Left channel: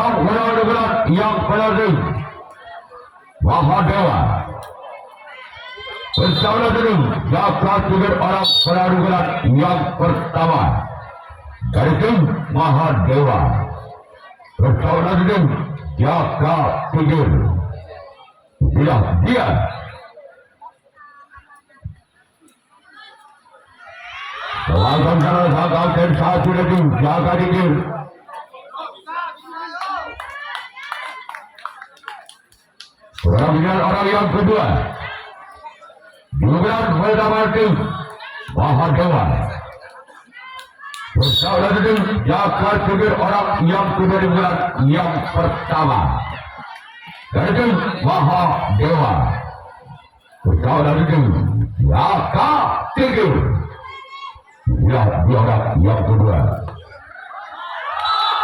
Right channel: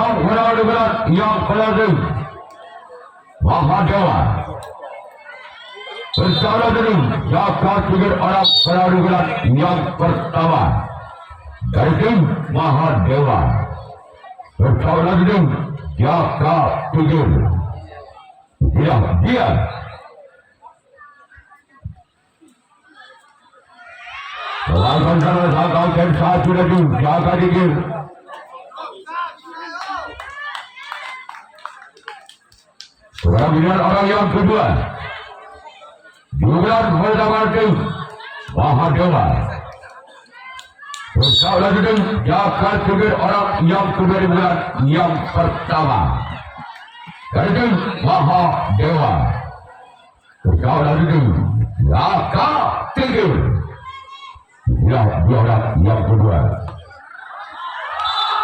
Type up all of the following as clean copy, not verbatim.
orang benar-benar yang penting Mahadewa bersama dengan Jaka Tingkir orang benar-benar yang pertama dari tim Mahadewa bersama dengan Jaka Tingkir. Dia melakukan salah dan satu lagi Jaka Tingkir. Orang yang kedua juga mendapatkan Mahadewa bersama dengan Jaka Tingkir orang yang kedua yang pertama dari Mahadewa bersama dengan Jaka Tingkir. Dia orang yang kedua.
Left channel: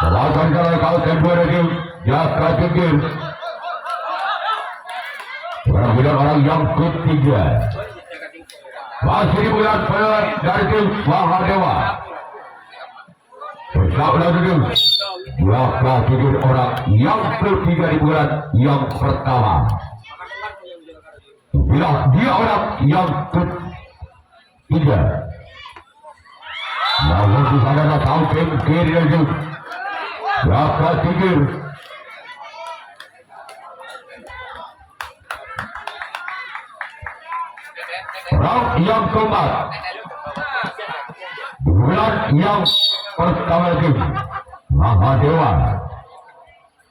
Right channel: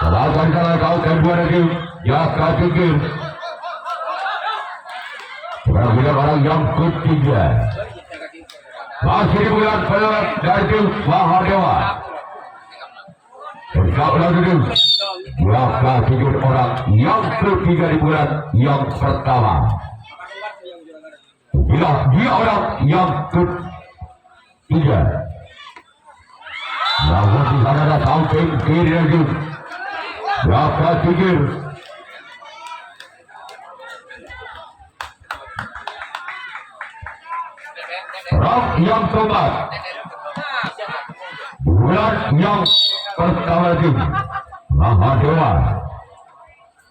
Melakukan salah kedua lagi Jaka Tingkir. Orang yang ketiga masih bulan keluar dari tim Mahadewa bersama dengan Jaka Tingkir orang yang ketiga di bulan yang pertama. Bila dia orang yang ketiga namun di sana ada sampai kiri lagi Jaka Tingkir. Yang keempat bulan yang pertama lagi Mahadewa.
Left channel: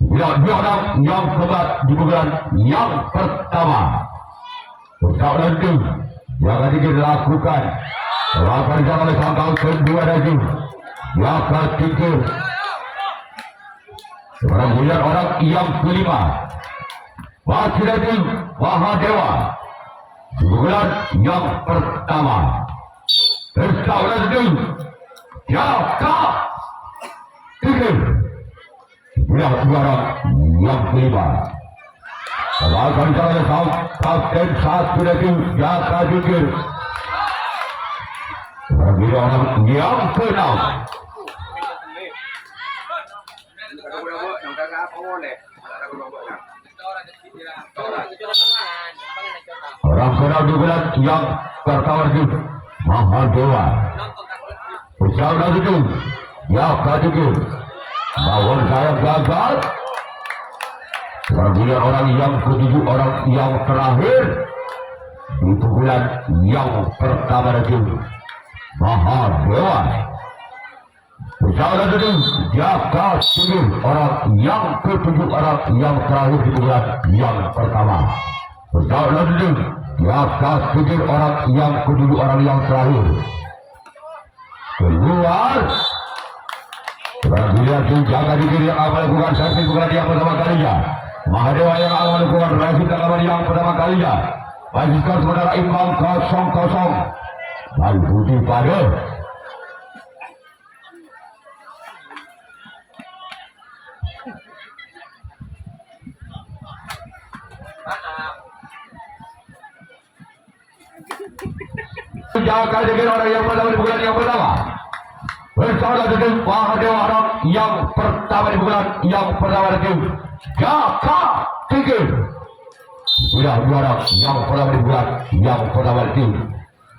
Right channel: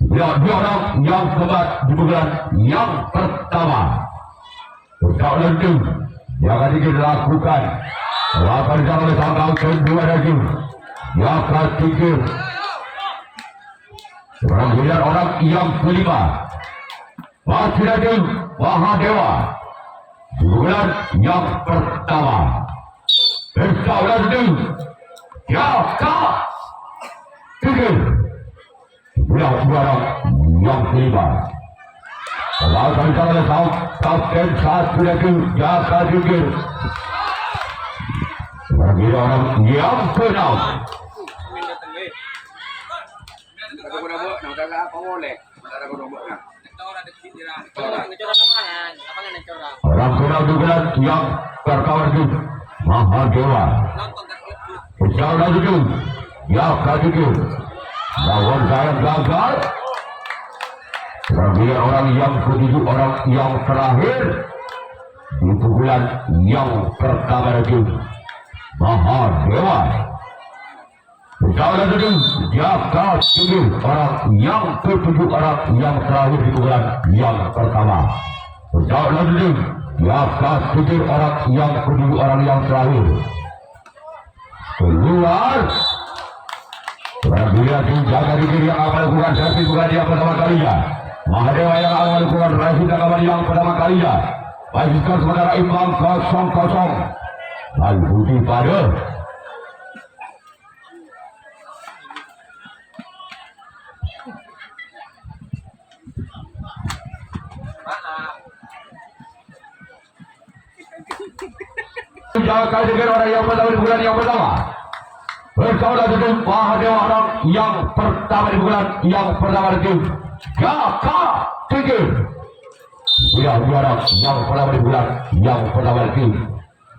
Dia orang yang keempat di bulan yang pertama bersama lagi Jaka Tingkir lakukan lakukan jalan tanggal kedua lagi Jaka Tingkir. Bulan orang yang kelima masih lagi Mahadewa bulan yang pertama bersama dengan Jaka Tingkir. Bulan yang kelima lakukan jalan kapten satu lagi Jaka Tingkir. Orang yang keenam orang kenal di bulan yang pertama itu Mahadewa bersama dengan Jaka Tingkir. Lawan saya gagal. Kemudian orang yang ketujuh orang yang terakhir di bulan yang pertama itu Mahadewa bersama dengan Jaka Tingkir orang yang ketujuh orang yang terakhir di bulan yang pertama bersama dengan Jaka Tingkir orang yang ketujuh orang yang terakhir keluar. Prajurit Jaka Tingkir yang akan melakukan servis bukan yang pertama kalinya. Mahadewa yang akan melakukan rasukan amal yang pertama kalinya. Pastikan saudara imbang 0-0. Lanjuti pada Jaka Tingkir orang yang pertama di bulan yang pertama bersama dengan Mahadewa orang yang pertama di bulan yang pertama itu Jaka Tingkir. Orang yang pertama di bulan yang pertama itu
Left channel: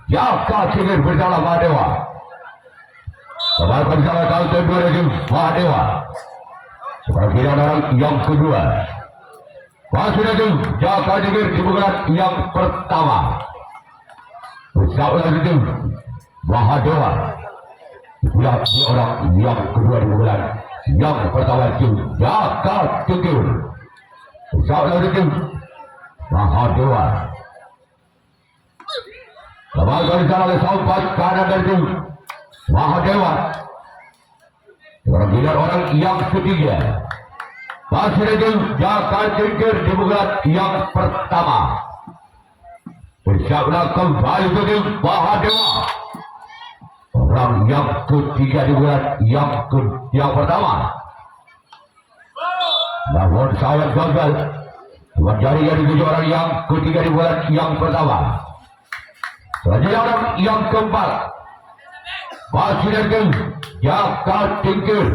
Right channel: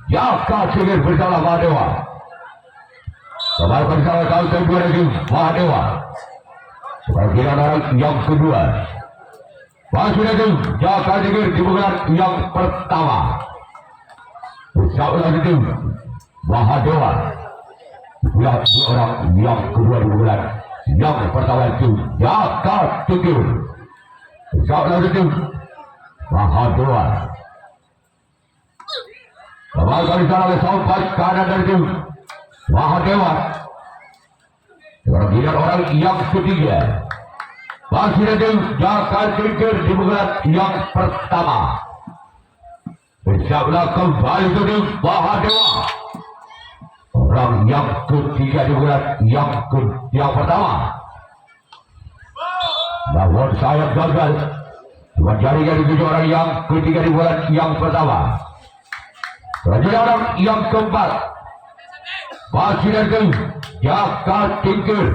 Jaka Tingkir bersama Mahadewa. Sebagai bersama tahun kedua lagi Mahadewa. Sebagai orang yang kedua masih lagi Jaka Tingkir di bulan yang pertama bersama itu Mahadewa. Bulan orang yang kedua di bulan yang pertama itu Jaka Tingkir bersama itu Mahadewa. Sebagai bersama sampai kanan dari itu Mahadewa. Kemudian orang yang ketiga masih lagi Jaka Tingkir di bulan yang pertama bersama kembali ke Mahadewa. Orang yang ketiga di bulan yang pertama. Namun saya gagal menjadi orang yang ketiga di bulan yang pertama. Selanjutnya orang yang keempat masih lagi Jaka Tingkir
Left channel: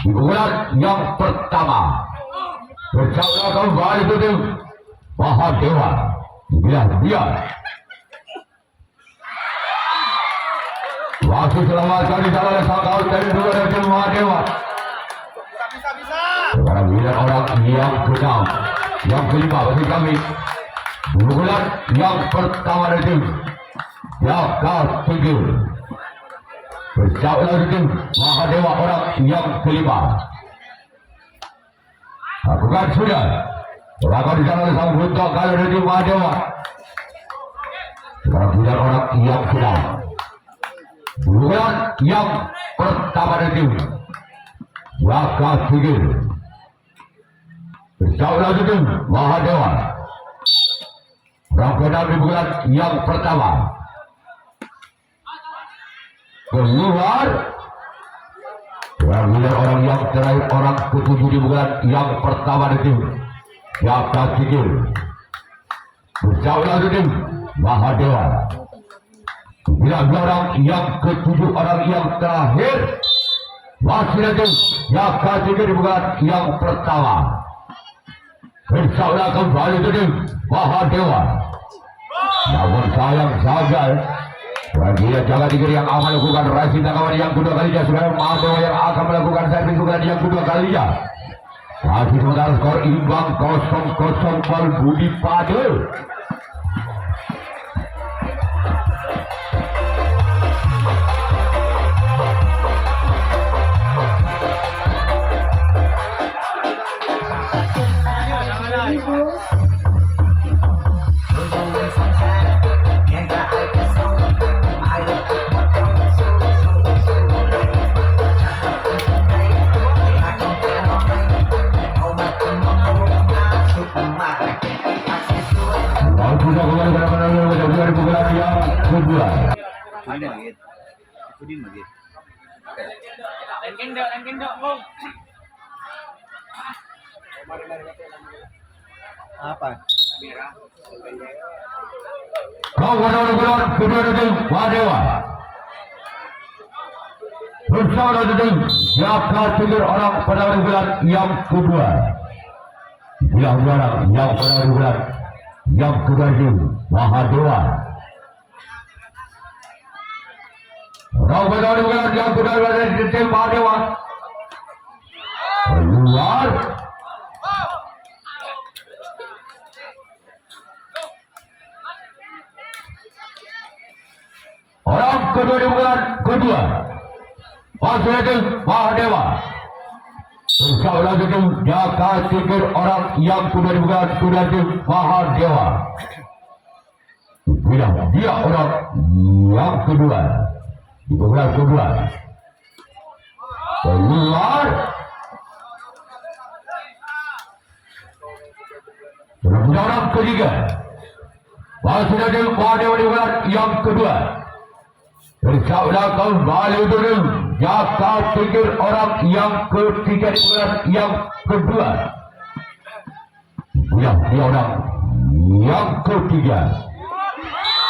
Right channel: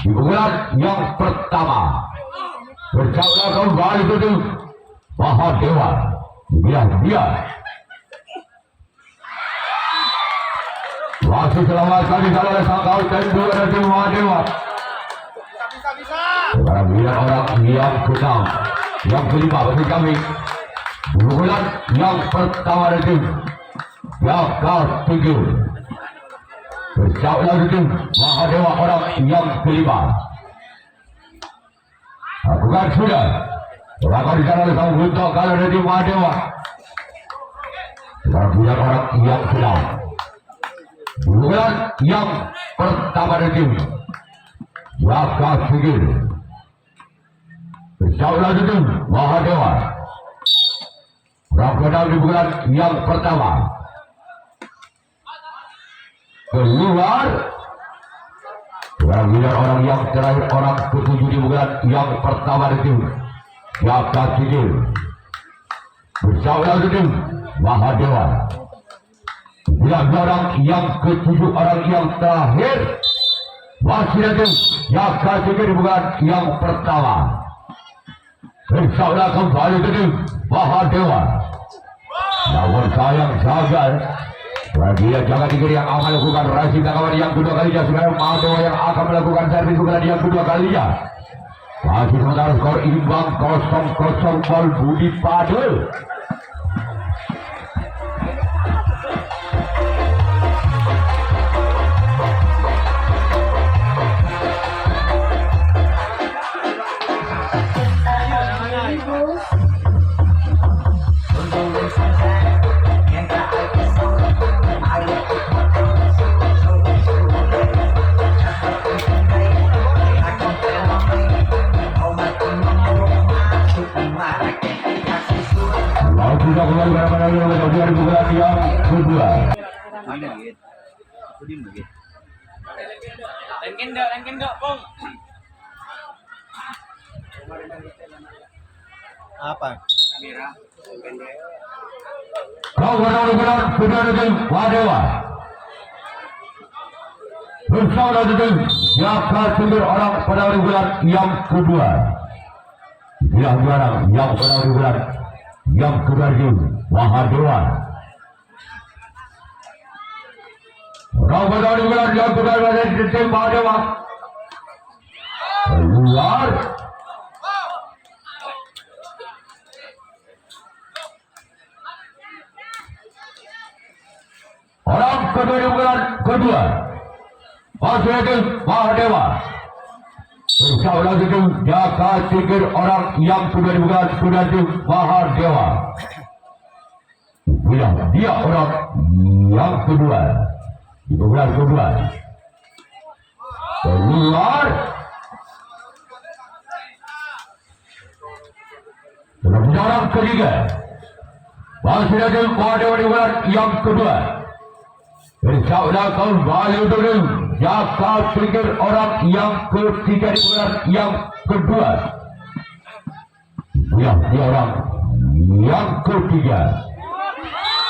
di bulan yang pertama. Berjauh kembali ke tim Mahadewa. Dia wasit selamatkan di sana sang kau dari dua dari tim Mahadewa. Bila orang yang keenam, yang kelima bagi kami. Di bulan yang pertama dari tim Yaka-7. Berjauh lagi tim Mahadewa orang yang kelima. Bukan sudah. Berapa di sana sang Gunto kali dari tim Mahadewa. Bukan orang yang keenam. Bulan yang pertama dari tim Yaka-7. Berjauh lagi tim Mahadewa. Berapa di bulan yang pertama. Keluar. Kemudian orang yang terakhir orang ke-7 di bulan yang pertama di tim Yaka-7. Berjauh lagi tim Mahadewa. Bila orang yang ke-7 orang yang terakhir masih di tim Yaka-7 di bulan yang pertama. Berjauh lagi kembali ke tim Mahadewa. Namun sayang saja dia jangan dikira yang akan melakukan racing kawan yang kedua kalinya. Sudah Mahadewa yang akan melakukan servis bukan yang kedua kalinya. Masih sementara skor imbang 0-0 Bal Budi Padel. Apa? Kau benar-benar kedua tim Mahadewa. Bersama tim Yaka-7 orang pada bulan yang kedua. Yang juara yang pada bulan yang kedua tim Mahadewa. Orang pada bulan yang kedua dari tim Mahadewa. Keluar. Orang kedua di bulan kedua masuk tim Mahadewa. Bersama lagi tim Yaka-7 orang yang kedua di bulan kedua tim Mahadewa. Dia orang yang kedua di bulan kedua. Keluar. Orang ketiga masih tim Mahadewa di bulan yang kedua. Bersama kembali dengan Yaka-7 orang yang ketiga di bulan yang kedua. Dia orang yang ketiga.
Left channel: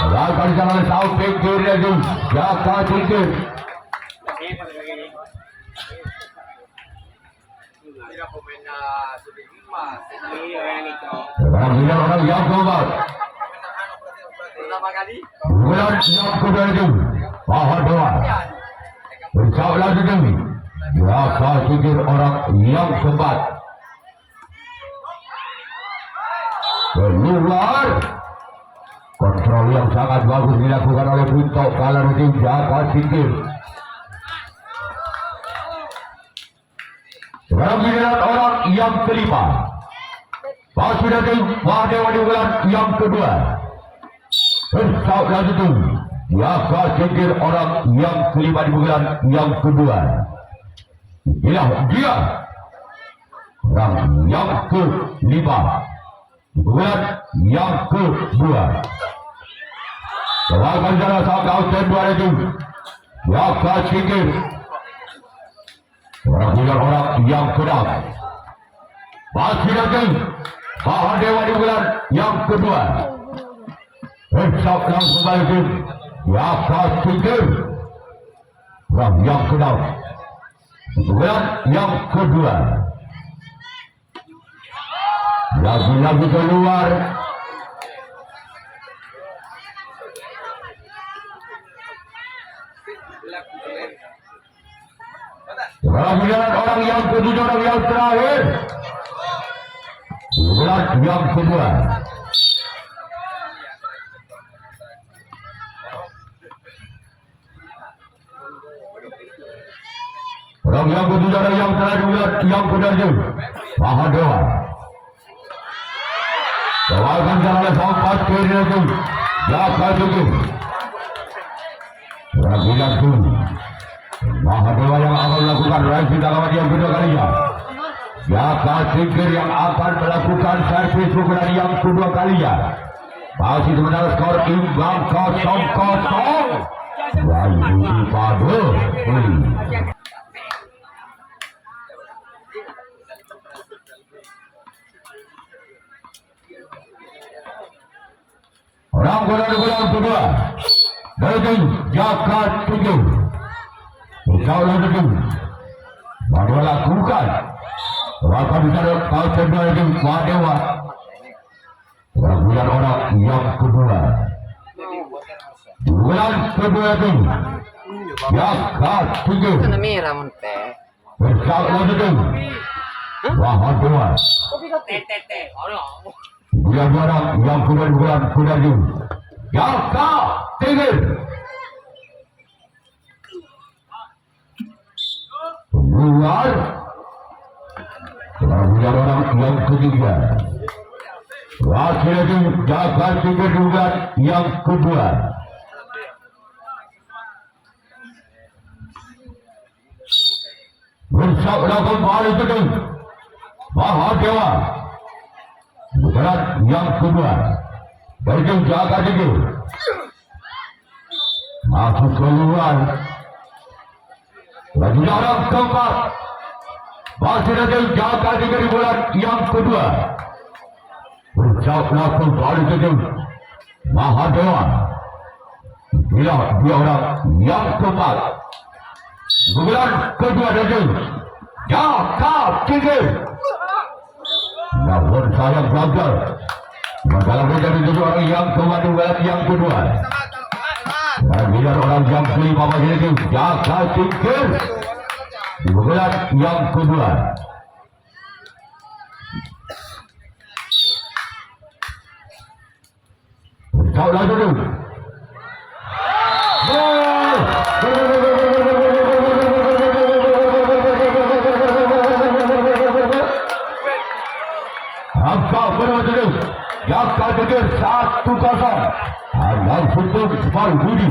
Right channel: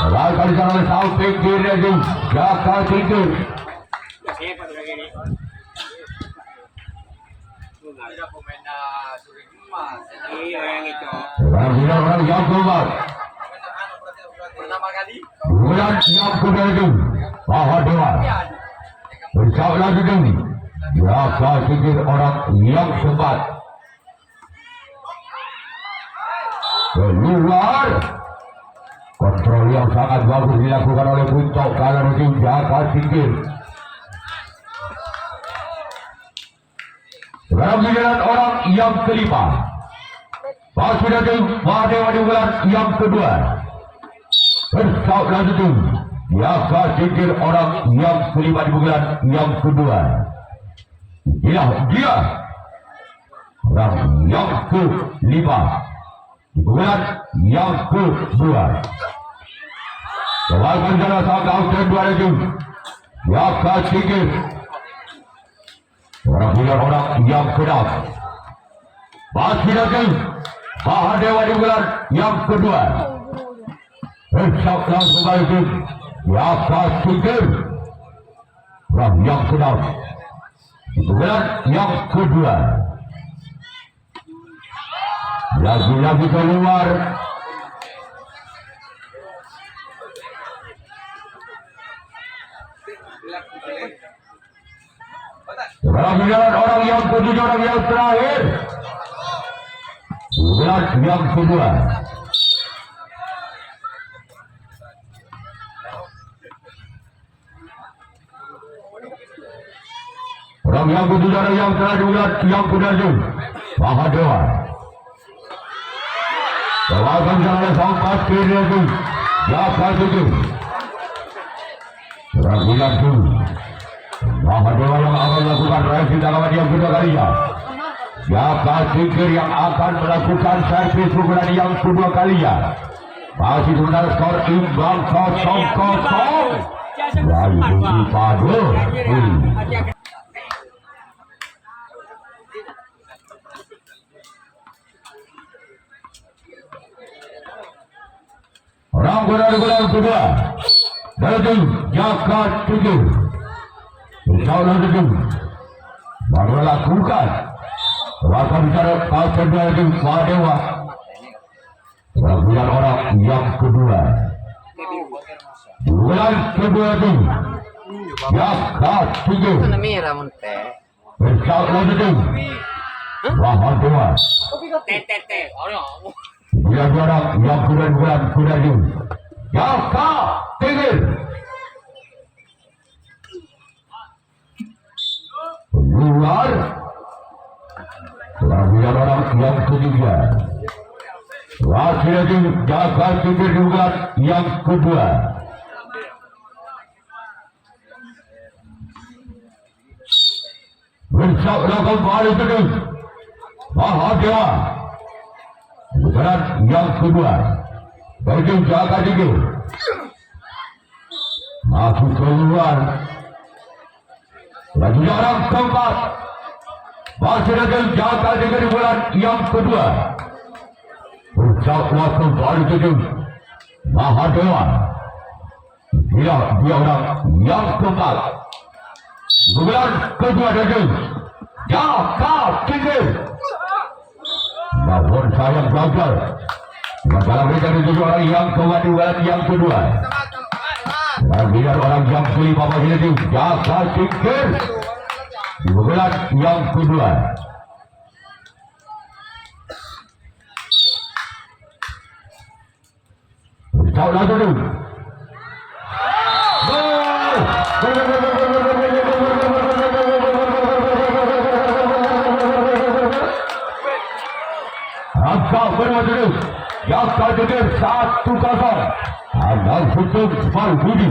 Lakukan di sana sampai kiri di Yaka-7. Orang yang keempat. Bulan yang kedua itu Mahadewa. Bersama lagi kami Yaka-7 orang yang keempat. Keluar. Kontrol yang sangat bagus dilakukan oleh Gunto kalah tim Yaka-7. Sekarang orang yang kelima. Masih dari Mahadewa di bulan yang kedua. Bersama lagi tim Yaka-7 orang yang kelima di bulan yang kedua. Dia orang yang kelima di bulan yang kedua. Selamat jalan sama outside dua itu Yaka-7 orang yang kedua. Masih lagi Mahadewa di bulan yang kedua. Bersama langsung lagi Yaka-7 orang yang kedua. Bulan yang kedua. Lagi-lagi keluar. Kemudian orang yang kedua, orang yang terakhir. Bulan yang kedua. Orang yang kedua, orang yang terakhir, yang kedua itu Mahadewa. Lawan oleh sampai kiri itu, jaga itu. Rakyat itu, Mahadewa yang akan melakukan reaksi dalam yang kedua kalinya. Jaga Tingkir yang akan melakukan servis pukulan yang kedua kalinya. Masih sebentar skor imbang 0-0. Lalu pada orang berada kedua dari Jaga Tingkir. Insya-Allah itu baru lakukan. Waktu bicara kau kedua itu Mahadewa. Kemudian orang yang kedua. Bulan kedua itu Jaga Tingkir. Insya-Allah itu Mahadewa. Yang orang yang bulan itu Jaga Tingkir. Keluar. Kemudian orang yang ketiga. Wakil itu Jaga Tingkir juga yang kedua. Insya-Allah kembali itu Mahadewa. Kemudian yang kedua dari Jaga Tingkir. Masuk keluar. Lagi orang keempat. Masih ada Jaga Tingkir bulan yang kedua. Insya-Allah kembali itu Mahadewa. Dia orang yang keempat. Bulan kedua dari Jaga Tingkir. Namun sayang gagal. Gagal menjadi tujuh orang yang kedua yang kedua. Dan dia orang yang kelima masih itu Jaga Tingkir. Di bulan yang kedua. Insya-Allah dulu. Jaga Tingkir 1-0. Amal Sultan Budi.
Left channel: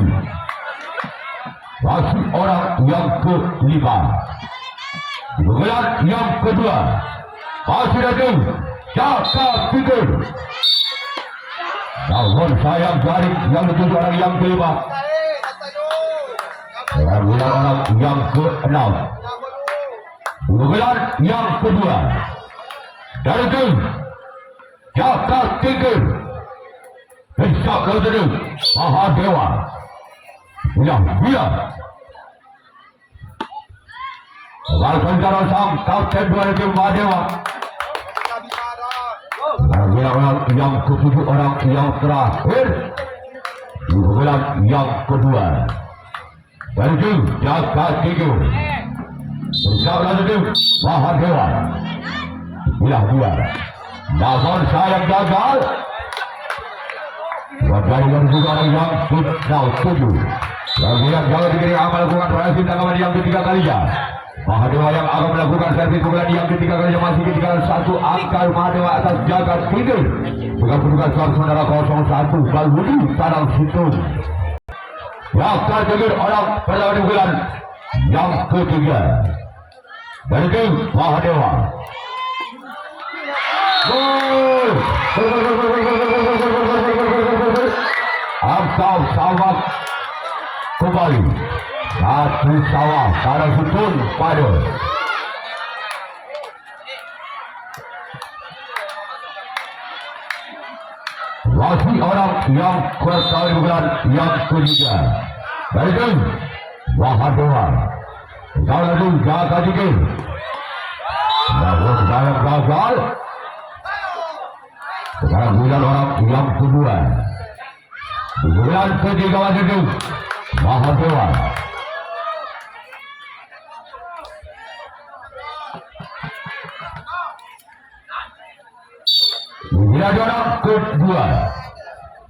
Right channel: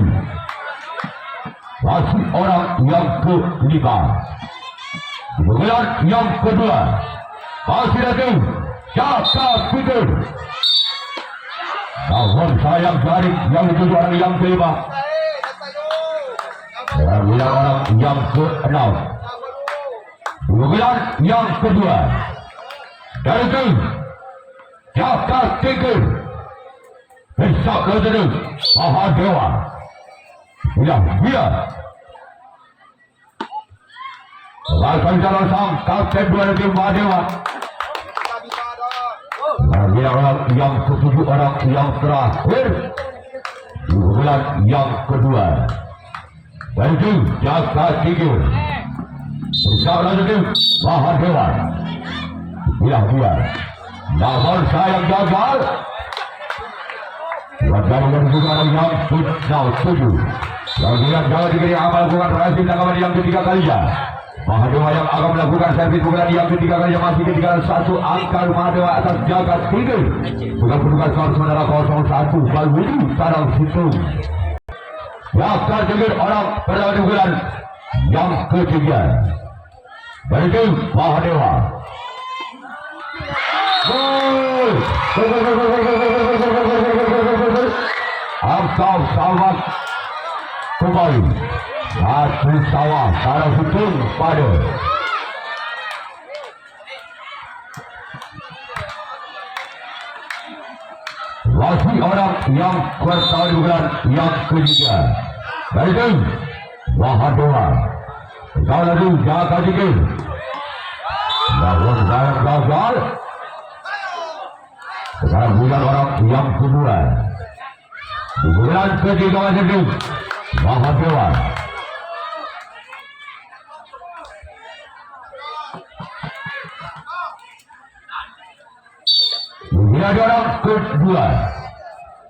Masih orang yang kelima. Bulan yang kedua. Masih ada Jaga Tingkir. Namun sayang dari yang kedua orang yang kelima. Bulan orang yang ke-6. Bulan yang kedua. Dari itu Jaga Tingkir. Insya-Allah itu Mahadewa. Bila Lakukan jalan sang Kapten 2 Mahadewa. Dia orang yang ketujuh orang yang terakhir. Bulan yang kedua. Dari itu Jaga Tingkir. Insya-Allah itu Mahadewa. Bila namun saya gagal. Wajahnya juga orang yang tujuh. Yang bilang jangan diberi amal bukan rahasia dalam yang ketiga kalinya. Mahadewa yang akan melakukan servis bukan yang ketiga kalinya masih ketinggalan 1 angka Mahadewa atas Jaga Tingkir. Dengan kedudukan skor saudara 0-1 Kalbudi Padang Situ. Jaga Tingkir orang berlawan bulan yang ketiga. Dari itu Mahadewa. Atau sawah kembali. Satu sawah salah sutun pada masih orang yang pertarungan yang ketiga. Dari itu Mahadewa. Lalu jaga dikit. Namun saya gagal. Sekarang bulan orang yang kedua. Di bulan ketiga itu Mahadewa. Bulan orang kedua.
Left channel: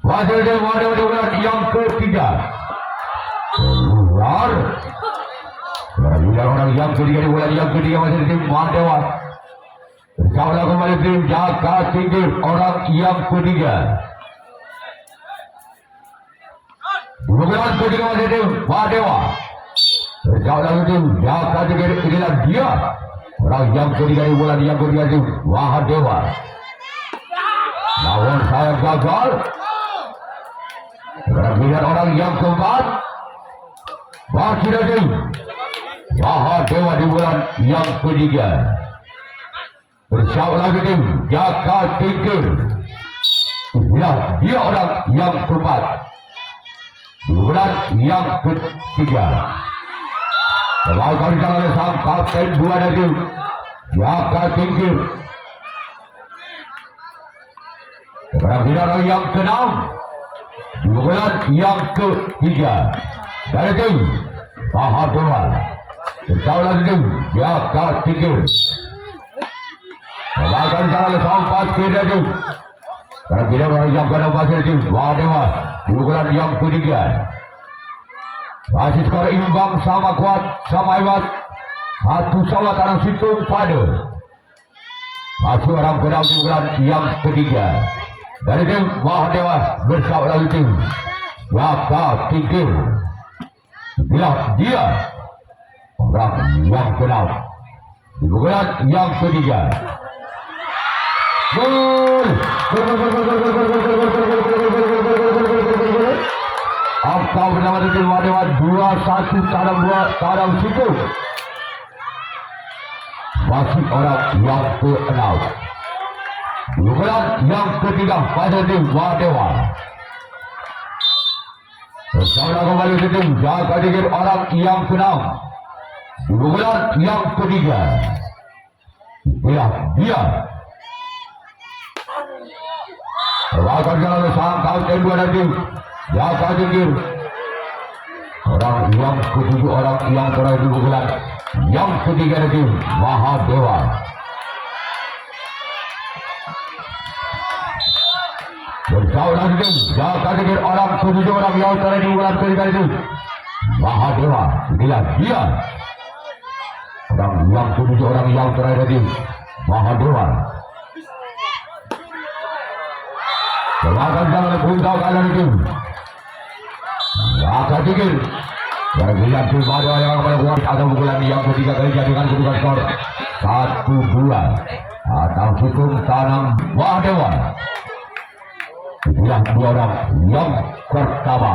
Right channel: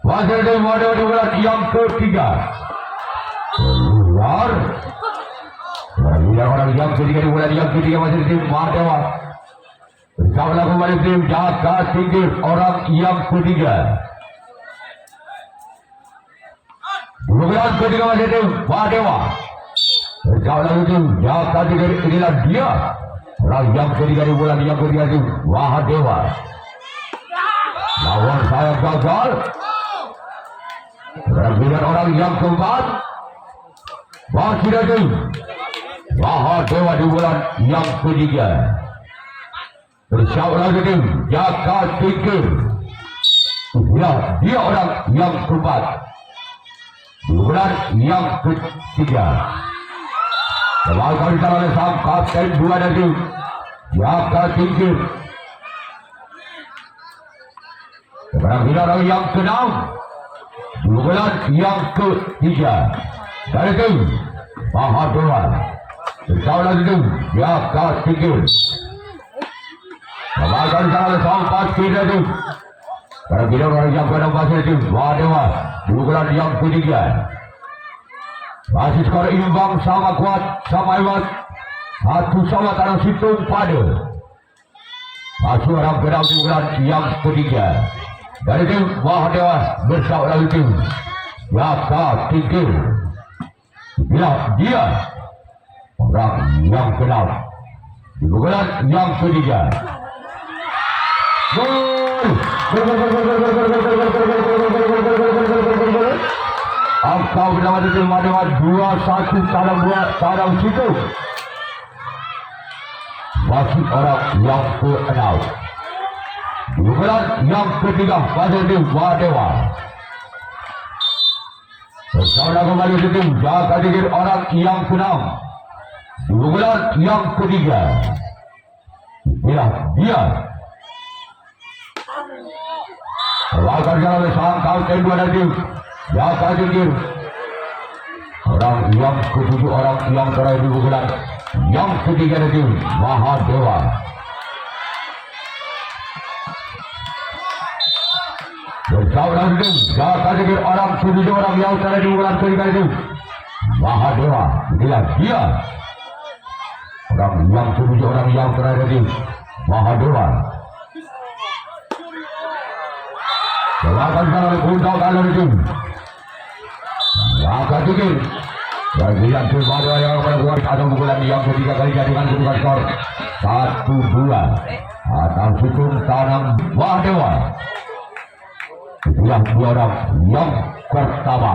Wasil di bulan yang ketiga. Keluar. Bulan orang yang ketiga di bulan yang ketiga masih di Mahadewa. Bersama kembali tim jaga tinggi orang yang ketiga. Bulan ketiga masih tim Mahadewa. Bersama tim jaga tinggi inilah dia. Orang yang ketiga di bulan yang ketiga tim Mahadewa. Lawan saya gagal. Bergiliran orang yang keempat. Masih lagi Mahadewa di bulan yang ketiga. Bersama lagi tim jaga tinggi. Ya, dia orang yang keempat. Di bulan yang ketiga. Melakukan oleh sang kapten dua dari jaga tinggi. Bergiliran yang keenam. Di bulan yang ketiga. Dari tim Mahadewa. Bersama lagi tim jaga tinggi. Melakukan oleh sang kapten dari bergiliran orang yang keenam masih tim Mahadewa. Di bulan yang ketiga. Masih skor imbang sama kuat sama hebat. Satu sama tanah situng padu. Masih orang kedua di bulan yang ketiga. Dari tim Mahadewa bersama lagi tim jaga tinggi. Bila dia orang yang kedua di bulan yang ketiga. Angka bersama tim Mahadewa 2-1 kadang situ. Masih orang yang ke-6. Bulan yang ketiga pada tim Mahadewa. Bersama kembali tim jaga dikit orang yang ke-6. Bulan yang ketiga. Bila dia akan jalan sang kapten dua dari tim jaga dikit orang yang ketujuh orang yang terakhir di bulan yang ketiga dari tim Mahadewa. Bersama lagi tim jaga dikit orang ketujuh orang yang terakhir di bulan ketiga dari tim Mahadewa. Inilah dia orang yang ketujuh orang yang terakhir dari tim Mahadewa. Silakan jangan punca kalian itu. Jaga dikit. Bagi yang Mahadewa yang berbuat ada bulan yang ketiga kali jadikan kedudukan skor 1-2 atas situng tanam Mahadewa. Bulan dua orang yang pertama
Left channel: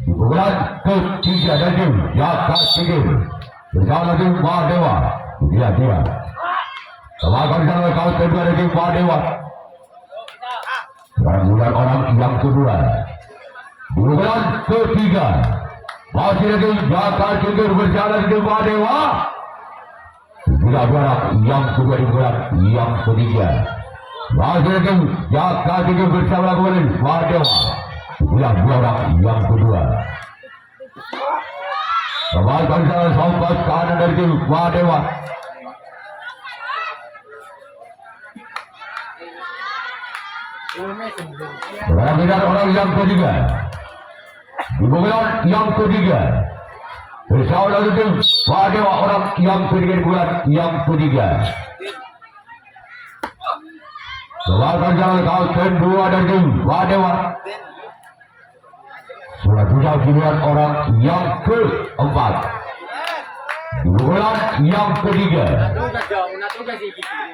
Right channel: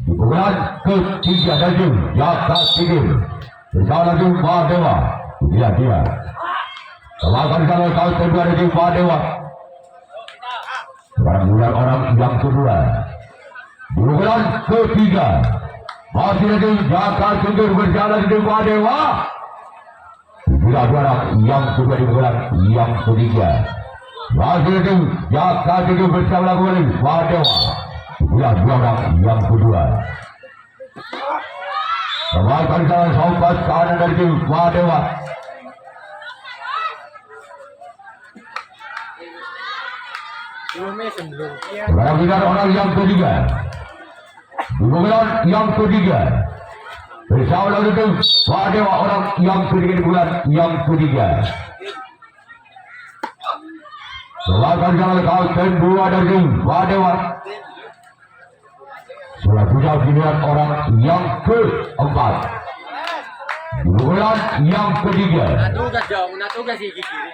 di bulan ketiga dari jaga tinggi bersama tim Mahadewa. Inilah dia. Silakan jangan kau kedua dari Mahadewa. Bulan orang yang kedua di bulan ketiga masih lagi jaga tinggi berjalan di Mahadewa. Bila orang yang kedua di bulan yang ketiga masih lagi jaga tinggi bersama kembali Mahadewa. Bila orang yang kedua kembalikan salah sobat kanan dari tim Mahadewa. Bergiliran orang yang ketiga di bulan yang ketiga. Bersama lagi tim Mahadewa orang yang ketiga di bulan yang ketiga. Selamat jalan kapten dua dari tim Mahadewa. Sudah punya giliran orang yang keempat di bulan yang ketiga.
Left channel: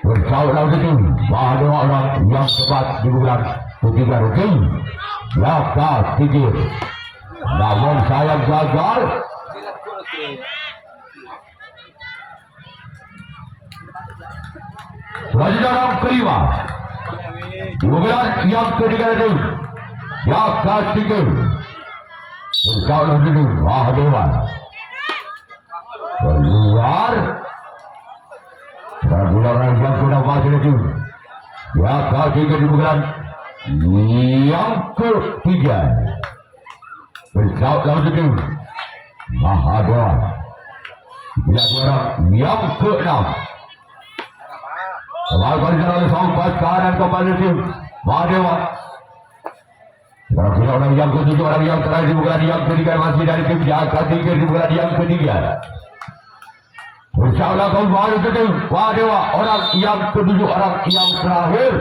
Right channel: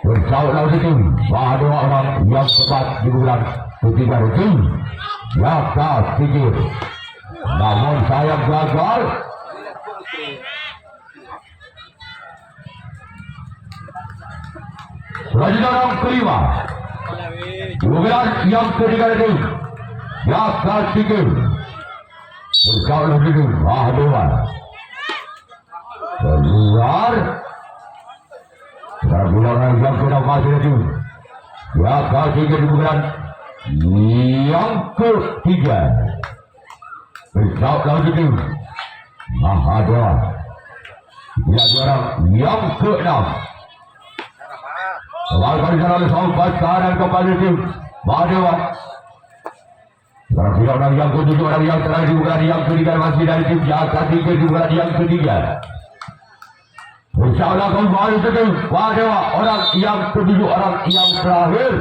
Bersama lagi tim Mahadewa orang yang keempat di bulan ketiga tim jaga tinggi. Namun saya gagal. Selanjutnya orang kelima di bulan yang ketiga tim jaga tinggi. Bersama lagi tim Mahadewa. itu. Ya, kaki kedudukan yang ketiga. Bersama lagi itu. Mahadwa. Tidak juara yang ke-6. Lakukan jalan sampai kanan kepada tim Mahadwa. Tidak orang yang ke-7, orang yang terakhir bukan yang ketiga masih dari tim Jakarta Tigers bukan yang ketiga. Bersama kembali ke tim Mahadwa, orang yang ke-7, orang yang terakhir.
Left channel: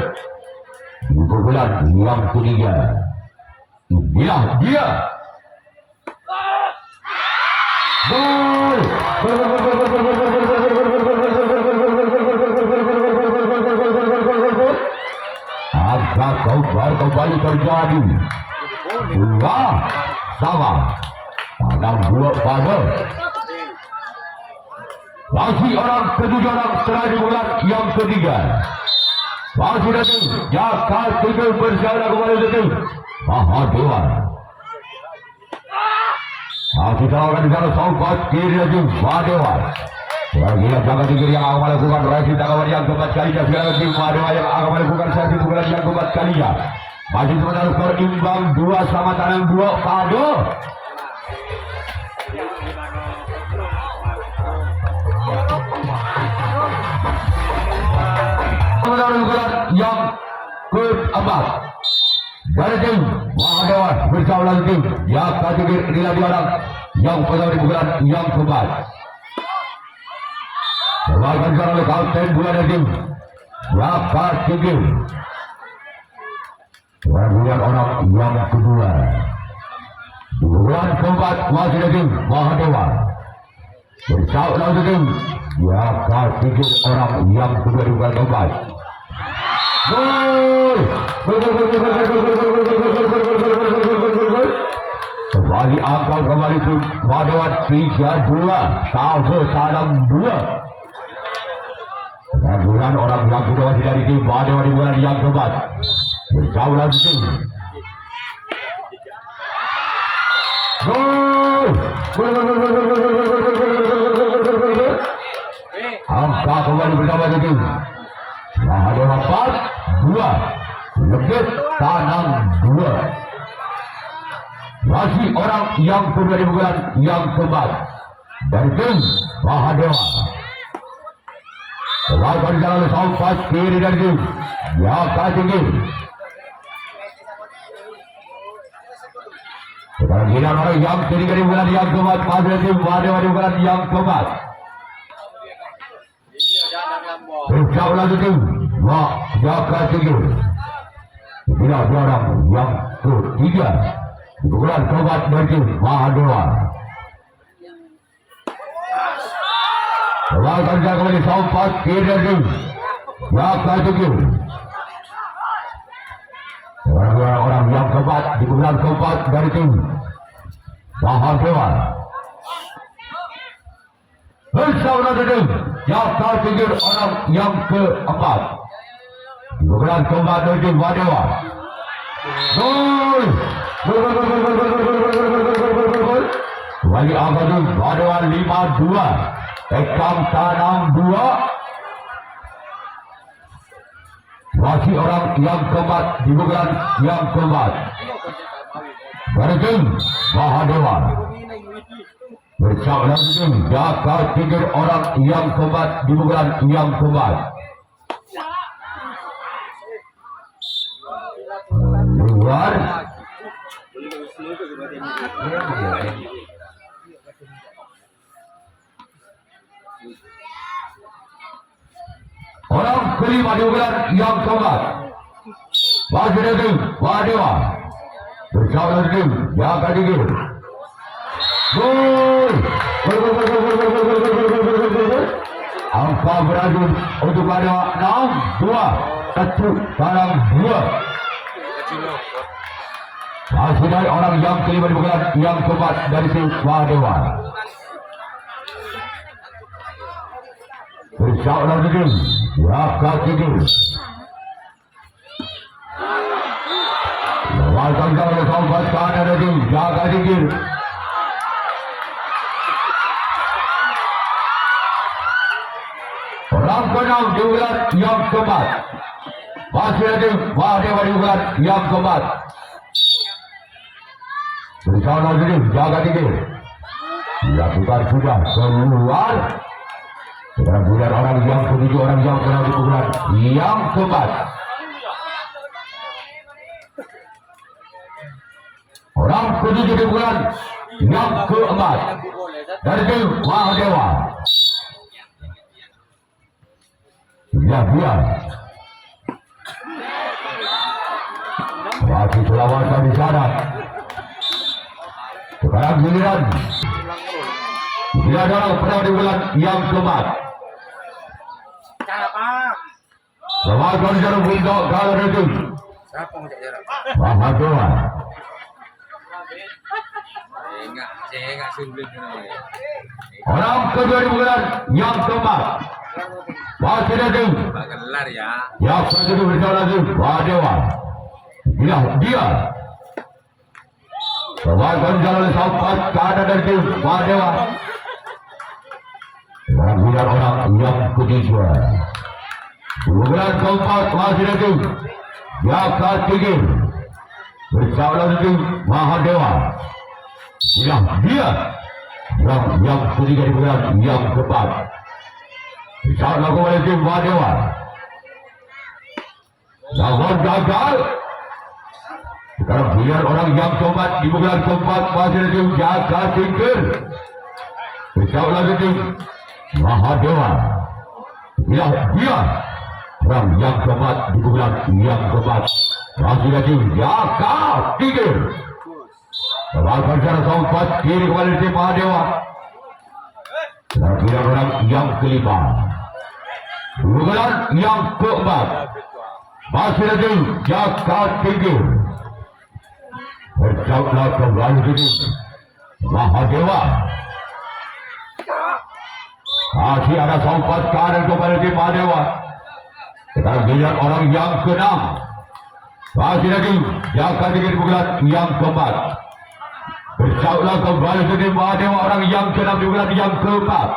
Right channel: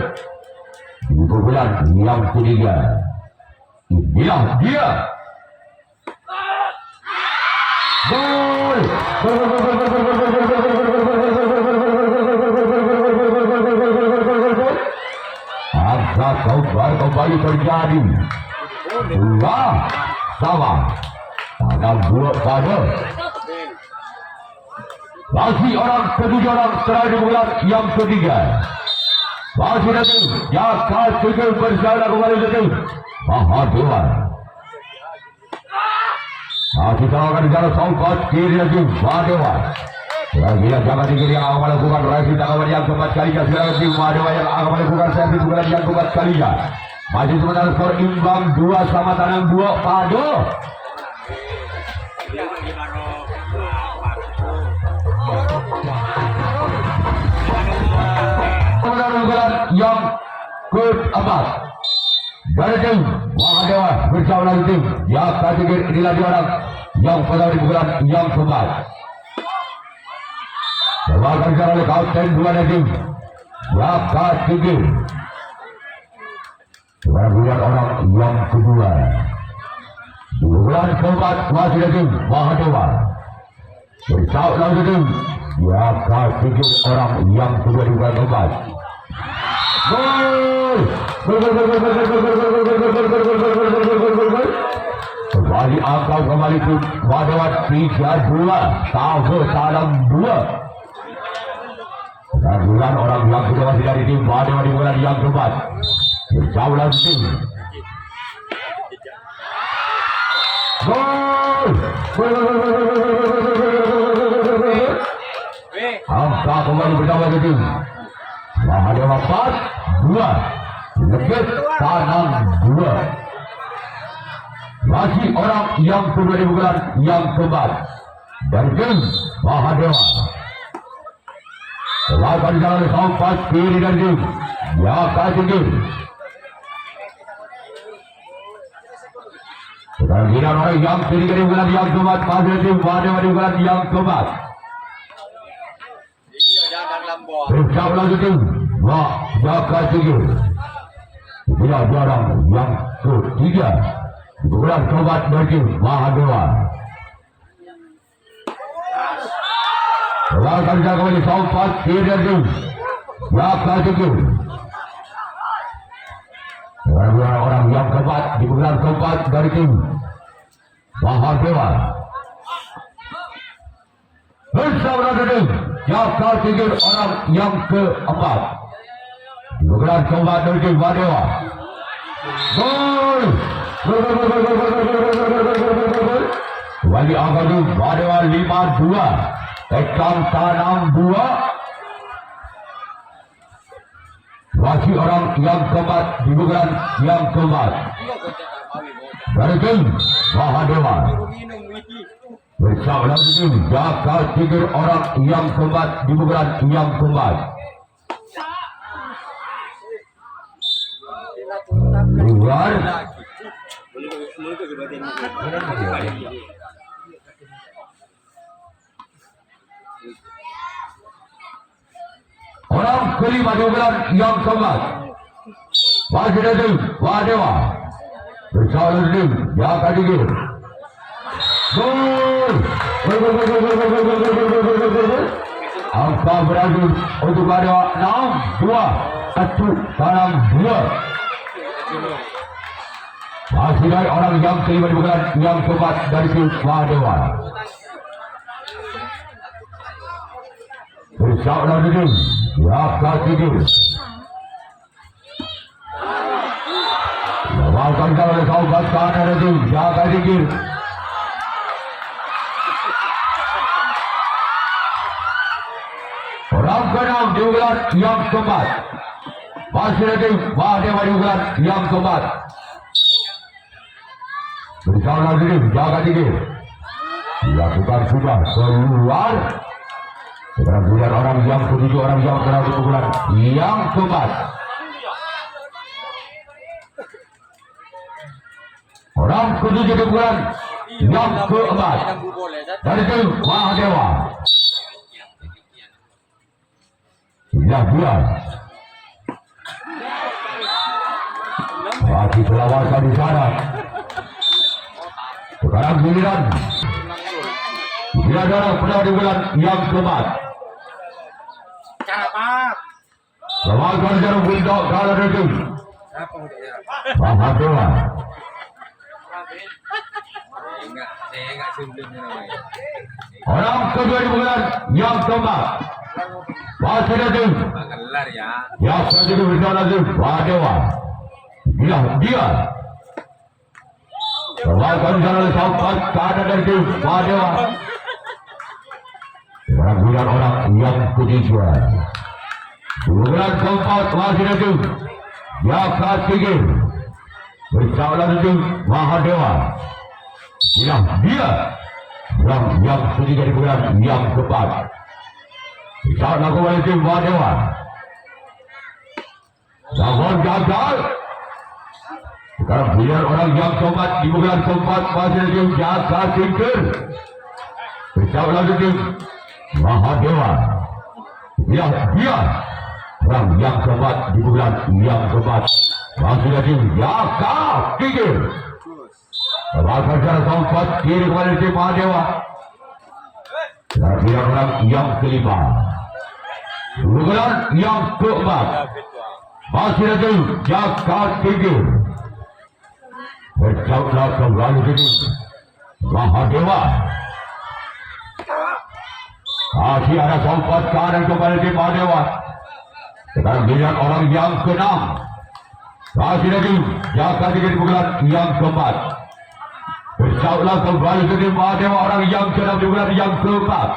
Itu bulan yang ketiga. Inilah dia. Maka kembali terjadi dua sama pada dua pada masih orang ketiga, orang terakhir bulan yang ketiga masih datang Jakarta Tigers bersama kembali datang Mahadwa. Masih sama di sana Songkot kiri lagi Mahadwa. Kira-kira Jakarta Tigers yang akan melakukan reaksi tanggapan yang keempat kalinya. Kira-kira Mahadwa yang akan melakukan reaksi bulan yang keempat kalinya. Masih sementara skor imbang 2 sama tangan 2 pada yang keempat. Dari tim Mahadwa bersama lagi tim Jakarta Tigers inilah dia orang yang pada di bulan yang keempat. Bahkan sekarang oleh kapten dua dari tim Jakarta Tigers. Kemudian orang yang kedua di bulan keempat masih dari tim Mahadwa bersama lagi tim Jakarta Tigers orang yang kedua di bulan keempat. Kembali angka kembali tim Mahadwa 3-2 sama salam 2. Dan bulan orang yang kedua dari tim Mahadwa di bulan yang keempat bersama lagi tim angka kembali bersama lagi tim Mahadwa 4-2 lebih tanam 2. Masih orang yang kedua di bulan yang keempat dari tim Mahadwa. Lakukan jalan sampai kiri dari tim Jakarta Tigers. Kira-kira orang yang ketiga di bulan yang keempat masih dari tim Mahadwa di bulan yang keempat. Bersama lagi tim Jakarta Tigers. Tidak jarang yang ketiga di bulan keempat dari tim Mahadwa. Lakukan jalan kembali sampai kiri dari tim Jakarta Tigers. Orang yang keempat di bulan keempat dari tim Mahadwa. Bersama dengan Jakarta Tigers orang yang keempat di bulan keempat dari tim Mahadwa. Gol! Kembali Abadu Mahadwa 5-2. Ekam tanam 2. Masih orang yang keempat di bulan yang keempat dari tim Mahadwa. Bersama lagi tim Jakarta Tigers orang yang keempat di bulan yang keempat. Bulan orang kelima di bulan yang keempat masih dari tim Mahadwa. Bersama lagi tim Jakarta Tigers. Gol! Angka beradu untuk Mahadwa 6-2 dalam 2. Masih dari orang yang kelima di bulan yang keempat dari tim Mahadwa. Bersama lagi tim Jakarta Tigers. Lakukan jalan sampai kanan dari tim Jakarta Tigers. Orang keenam di bulan yang keempat. Masih ada Mahdewa di bulan yang keempat. Bersama diri jaga diri. Dilakukan sudah keluar. Kemudian orang yang ketujuh, orang yang keenam di bulan yang keempat. Orang ketujuh di bulan yang keempat. Dari itu Mahdewa. Ya dia. Masih selawatan di sana. Sekarang giliran. Dia adalah pernah di bulan yang keempat. Selawatan jarum bundok kalau itu. Mahdewa. Orang kedua di bulan yang keempat. Masih ada yang kedua bersama lagi Mahdewa. Dia Selawatan jalan sampai ke ada dari Mahdewa. Dan dia orang yang ketiga. Bulan keempat masih ada yang ketiga bersama lagi Mahdewa. Dia yang ketiga di bulan yang keempat. Bersama lagi Mahdewa. Jangan gagal. Sekarang biar orang yang keempat di bulan keempat masih ada jaga tingkir. Bersama lagi Mahdewa. Dia orang yang keempat di bulan yang keempat masih ada jaga tingkir. Selawatan jalan keempat kiri kepada Mahdewa. Dan biar orang yang kelima. Bulan yang keempat masih ada jaga tingkir. Berjauhlah kembali ini Mahdewa. Masih ada sempat kanan kepada Mahdewa. Sekarang lihat orang yang keenam. Masih lagi jaga tinggi di bulan yang keempat. Berjauhlah kembali ini Mahdewa, orang yang keenam di bulan yang keempat.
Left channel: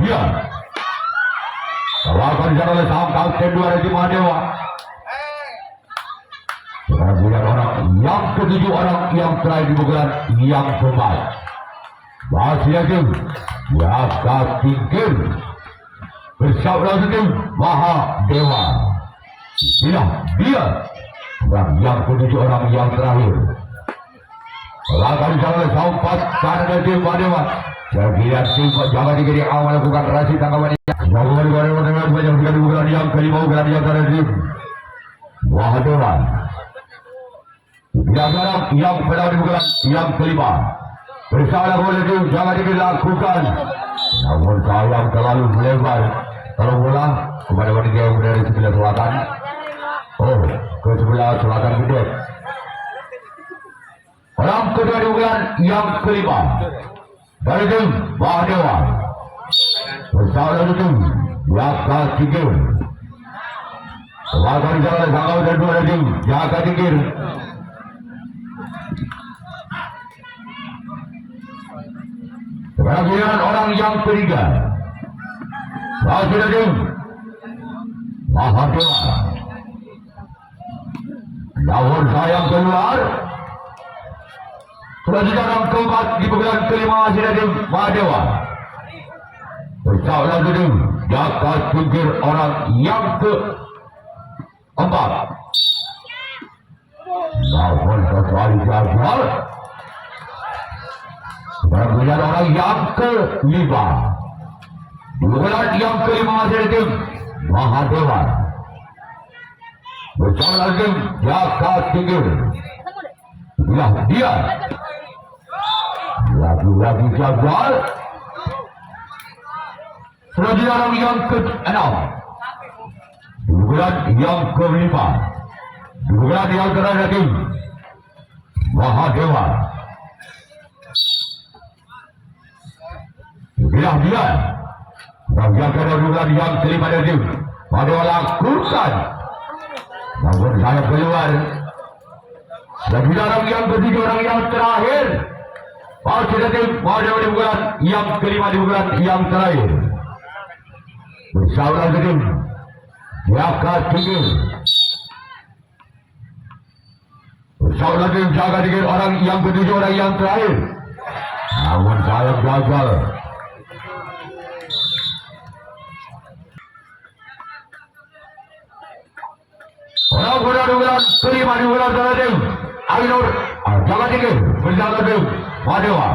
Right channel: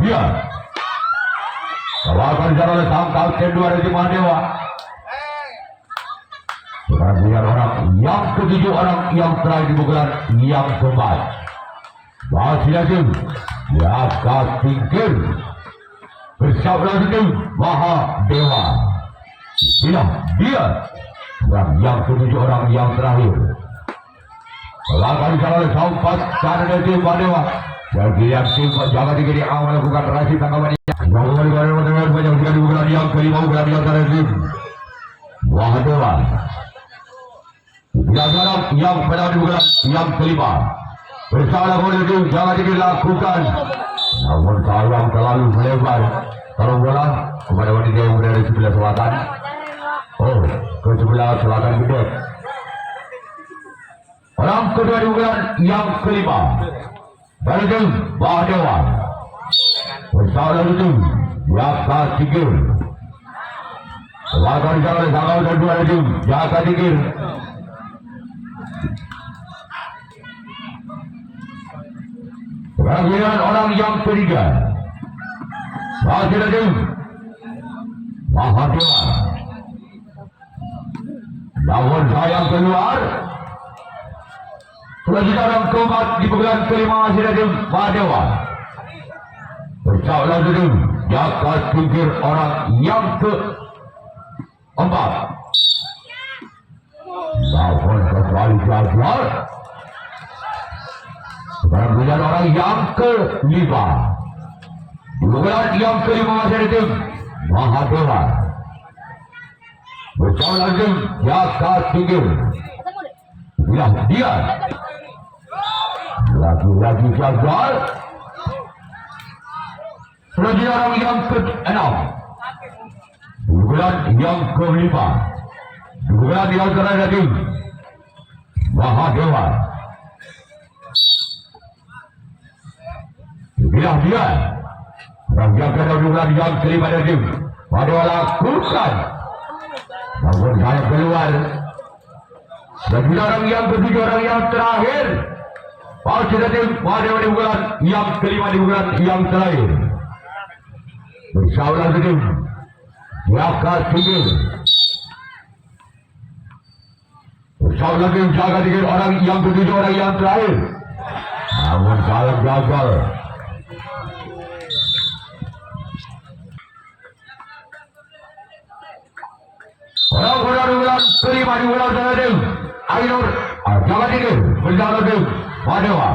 Dia akan jalan sampai kedua dari Mahdewa. Biar orang yang ketujuh, orang yang terakhir di bulan yang keempat. Masih lagi jaga tingkir. Bersama lagi Mahdewa. Dia dan yang ketujuh, orang yang terakhir. Akan jalan sampai karena dari Mahdewa. Jadi yang singkat jaga diri awal bukan rasi tanggapan ini. Jangan dengan banyak di bulan yang kelima, bulan yang terakhir. Mahdewa. Yang pada di bulan yang kelima. Bersama boleh jangan dilakukan. Namun kalau terlalu lebar, kalau bola kepada wanita yang berada di sebelah selatan. Oh, ke sebelah selatan gede. Orang kedua di bulan yang kelima. Dari itu Mahdewa. Bersama itu jaga tingkir. Lawan jalan sakau dan dua itu jaga tingkir. Sekarang orang yang ketiga. Masih ada Mahdewa. Lawan sayang keluar. Selanjutnya orang keempat di bulan kelima masih ada Mahdewa. Bersama lagi jaga tingkir orang yang keempat. Lawan kembali jaga. Sekarang melihat orang yang kelima. Di bulan yang kelima masih ada Mahdewa. Bersama lagi jaga tingkir. Dia lagi gagal. Selanjutnya orang yang ke-6. Di bulan yang ke-5. Di bulan yang terakhir Mahdewa. Dia yang kena bulan yang kelima dari Mahdewa lakukan. Namun saya keluar. Dan orang yang ketiga, orang yang terakhir. Masih ada Mahdewa di bulan yang kelima, di bulan yang terakhir. bersama tim jaga tinggi bersama tim jaga tinggi orang yang ketujuh orang yang terakhir namun dalam gagal. Orang terima di bola terhadap Ainur jangan tinggi bersama tim Wadewa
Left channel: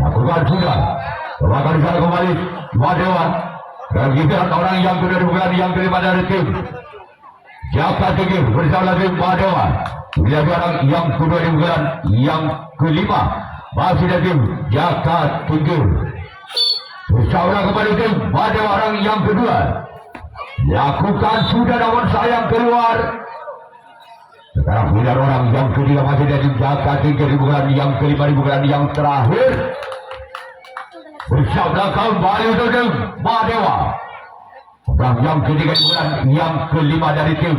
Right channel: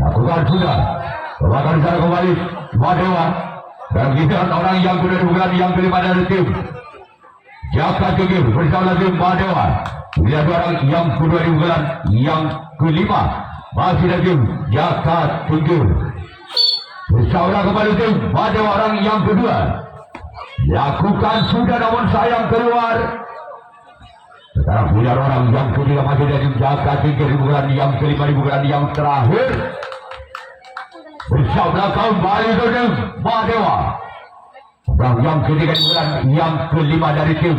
lakukan sudah bahkan di sana kembali Wadewa dan kita orang yang kedua bukan yang kelima dari tim jaga tinggi bersama tim Wadewa lihat orang yang kedua bukan yang kelima masih dari tim jaga tinggi bersama kembali tim Wadewa orang yang kedua lakukan sudah namun sayang keluar. Sekarang bila orang yang ketiga masih dari jaga tinggi bukan yang kelima bukan yang terakhir bersama kembali tim Wadewa orang yang ketiga bukan yang kelima dari tim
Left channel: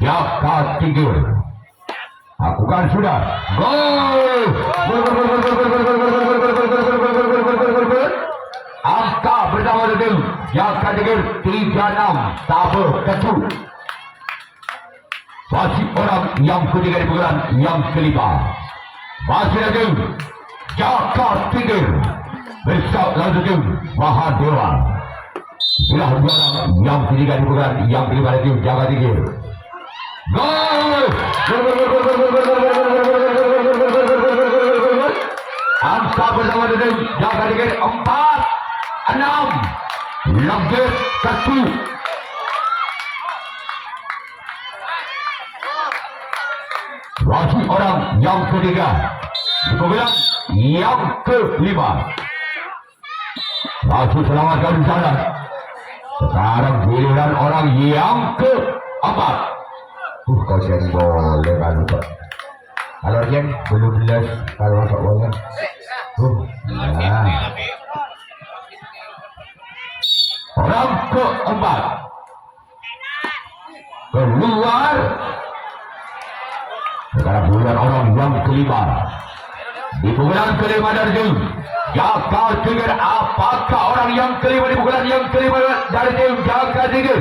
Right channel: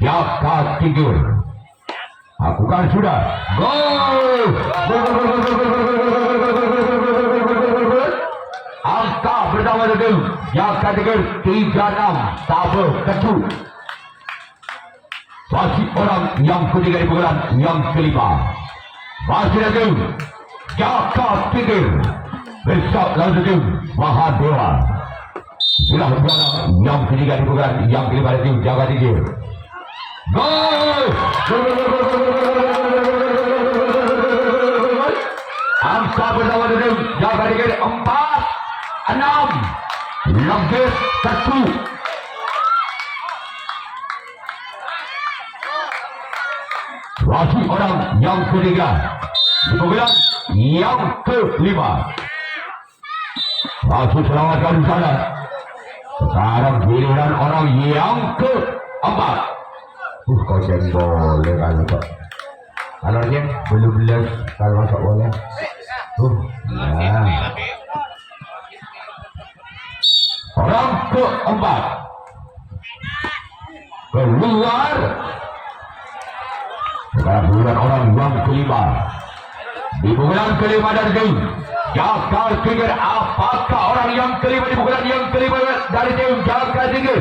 jaga tinggi lakukan sudah gol angka pertama tim jaga tinggi 36 tabel kecu masih orang yang ketiga bukan yang kelima masih lagi jaga tinggi bersama tim Mahadewa bila orang yang ketiga bukan yang kelima tim jaga tinggi gol angka bersama tim jaga tinggi 4-6 lebih kecil masih orang yang ketiga kemudian yang kelima masih selamatkan di sana. Sekarang giliran orang yang keempat kau jangan boleh kan kalau yang belum jelas kalau tak boleh orang keempat keluar. Sekarang bulan orang yang kelima di bulan kelima dari tim jaga tinggi apakah orang yang kelima di bulan yang kelima dari tim jaga tinggi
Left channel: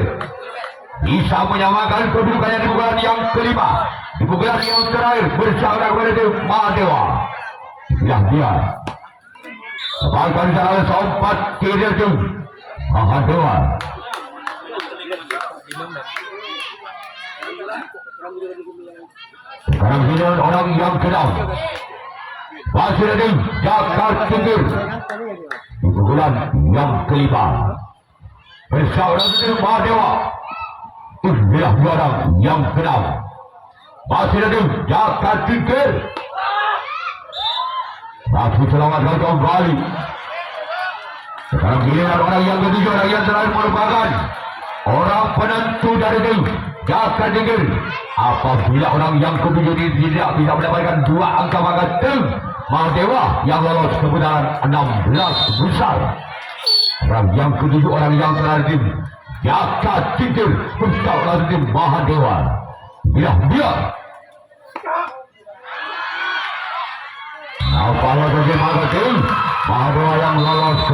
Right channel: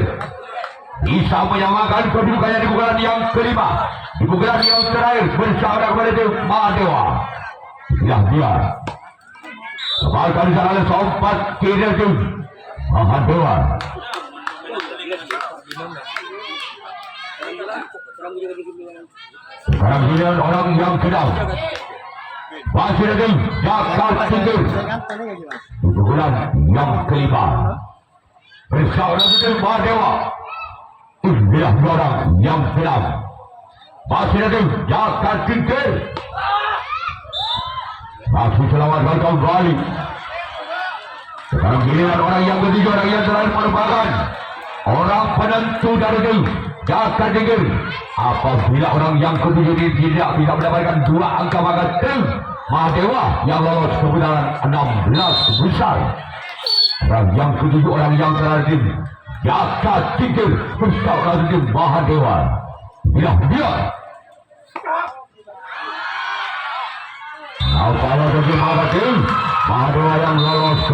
bisa menyamakan kedudukannya di bulan yang kelima di bulan yang terakhir bersama dengan tim Mahadewa yang dia bahkan di sana sempat kiri tim Mahadewa sekarang giliran orang yang kedua masih ada jaga tinggi di bulan yang kelima bersama dengan Mahadewa inilah orang yang kedua masih ada jaga tinggi masih selamatkan kembali. Sekarang giliran orang yang ketiga orang yang terakhir merupakan orang penentu dari tim jaga tinggi. Apabila orang yang ketujuh ini tidak bisa mendapatkan 2 angka maka tim Mahadewa yang lolos ke putaran 16 besar. Orang yang ketujuh orang yang terakhir tim jaga tinggi bersama tim Mahadewa. Bila dia apabila bagaimana tim Mahadewa yang lolos ke